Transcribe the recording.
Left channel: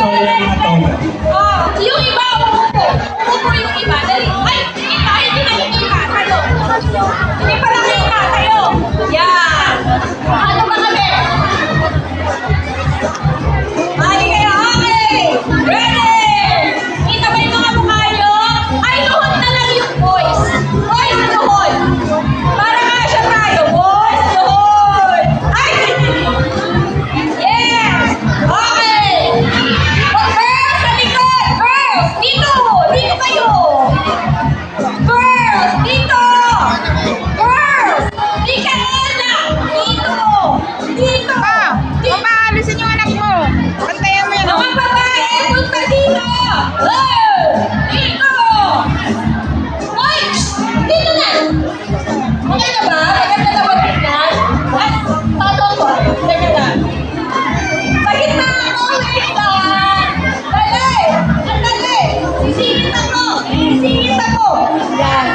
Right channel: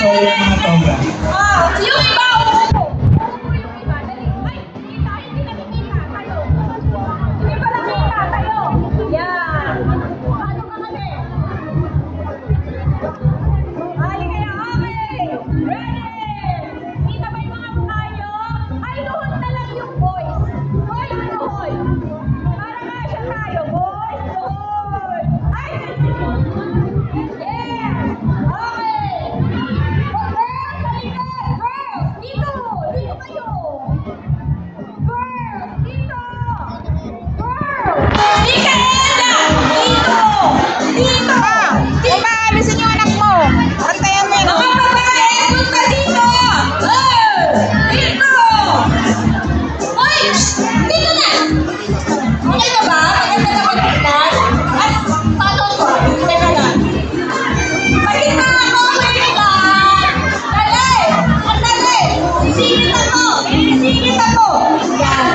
Matoga. Yung iba, umupo. Umupo yung iba. Dali. Ay, kita, hindi nakikita. Tayo. Hindi pa nakikita. Tayo. Yan. Ano ba kami? Ay, kayo. Okay. Ready. Kita ba yung mga mukha nyo? Ay, luhod na lang yung boys. Boys, luhod. Para kasya tayo. Boys, luhod. Ay! Yes! Okay! Girls, sa likod! Girls, dito! Dito kayo! Girls, dito! Girls! Dito, Ella! Dito! Dito! Kung maalisin yung anak mo, pantayan mo yun. Mga babae, punta dito! Oh! Dito! Ay! Dito na! Okay na ba? Maganda na ba tignan? Ay, pato ko. Teka lang. Pagit na ako, Erika! Dali! Ang dali! Sisingit ako! Sisingit ako! Yan.